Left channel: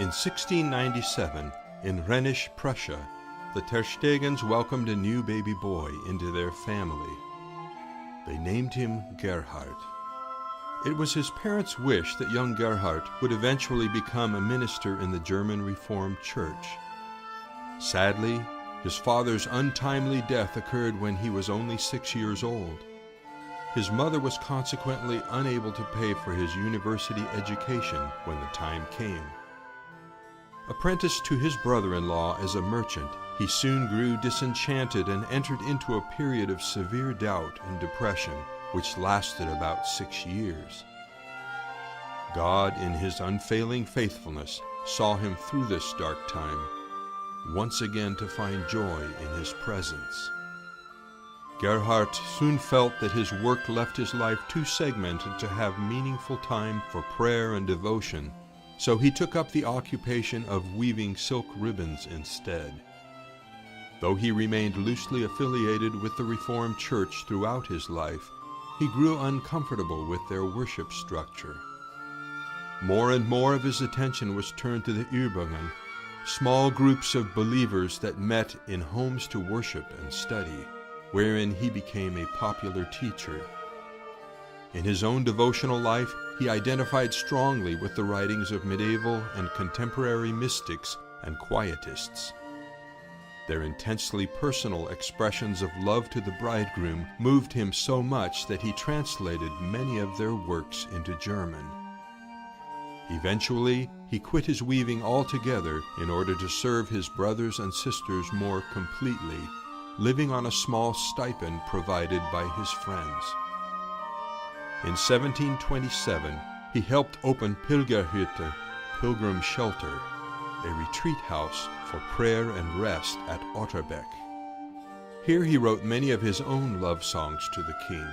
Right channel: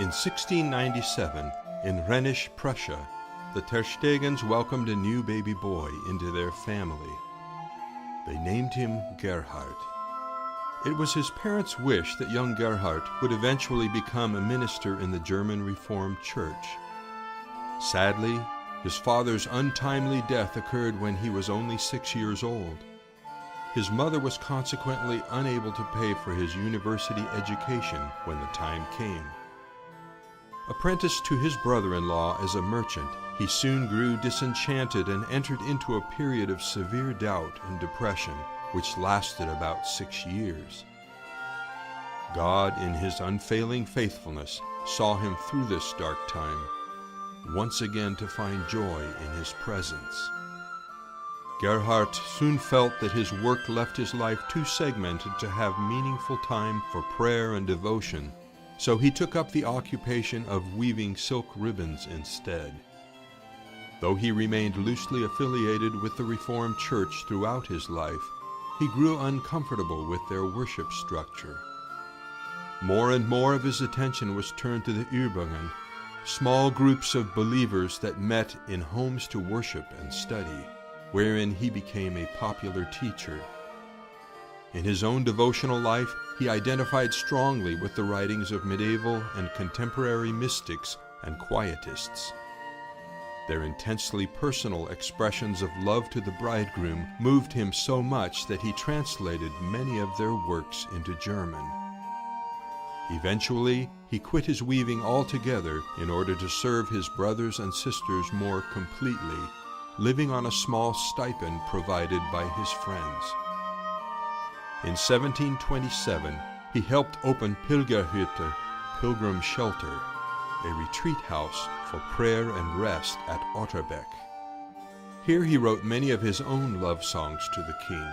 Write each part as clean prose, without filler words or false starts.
In 1697, in Rhenish Prussia, the Terstegens welcomed a new baby boy into their family. They named him Gerhard. It was his parents' wish that young Gerhard would eventually become a minister in the German Reformed Church. Sadly, his father's untimely death occurred when he was only 6 years old. His mother was consequently unable to pay for his university education when the time came. Apprenticed to his brother-in-law as a merchant, he soon grew disenchanted and entered into a period of severe doubt and depression, which lasted about 6 years. God, in his unfailing faithfulness, saw him through this dark time, once again to find joy in his presence. Gerhard soon felt that his work left his life too segmented to have meaningful time for prayer and devotion, so he took up the occupation of weaving silk ribbons instead. Though he remained loosely affiliated with the Reformed Church throughout his life, he grew uncomfortable with their worship structure. More and more of his attention was turned to the Übungen, small groups of believers that met in homes to worship and study, wherein he became a popular teacher. In his own devotional life, he identified strongly with the writings of medieval and contemporary mystics and quietists. Their intensely personal expressions of love to the bridegroom moved him so much that he translated many of their works into German. Eventually, he quit his weaving altogether in order to serve his brothers and sisters more completely, living on a small stipend provided by his friends. In 1727, he helped open Pilgerhütte, Pilgrim Shelter, a retreat house for prayer and rest at Otterbeck. Here he wrote many of his own love songs to the king.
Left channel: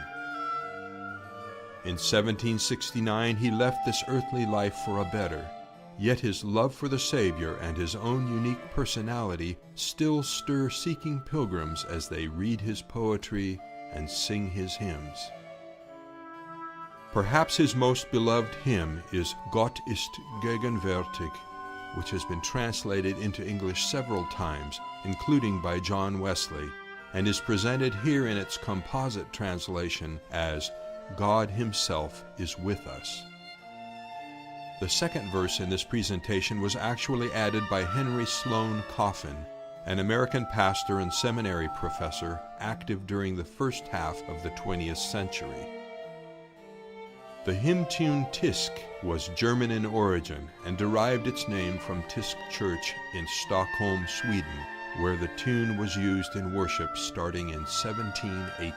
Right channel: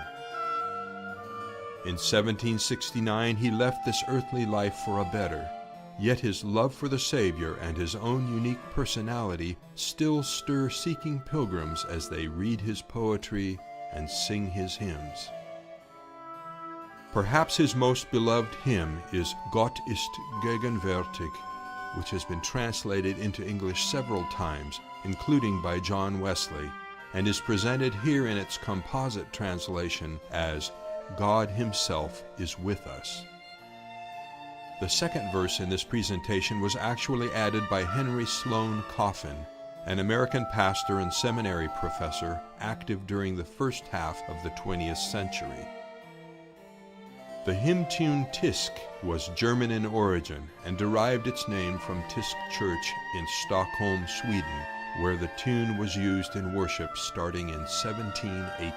In 1769, he left this earthly life for a better, yet his love for the Savior and his own unique personality still stir seeking pilgrims as they read his poetry and sing his hymns. Perhaps his most beloved hymn is Gott ist gegenwärtig, which has been translated into English several times, including by John Wesley, and is presented here in its composite translation as God Himself is with us. The second verse in this presentation was actually added by Henry Sloane Coffin, an American pastor and seminary professor active during the first half of the 20th century. The hymn tune Tysk was German in origin and derived its name from Tysk Church in Stockholm, Sweden, where the tune was used in worship starting in 1718.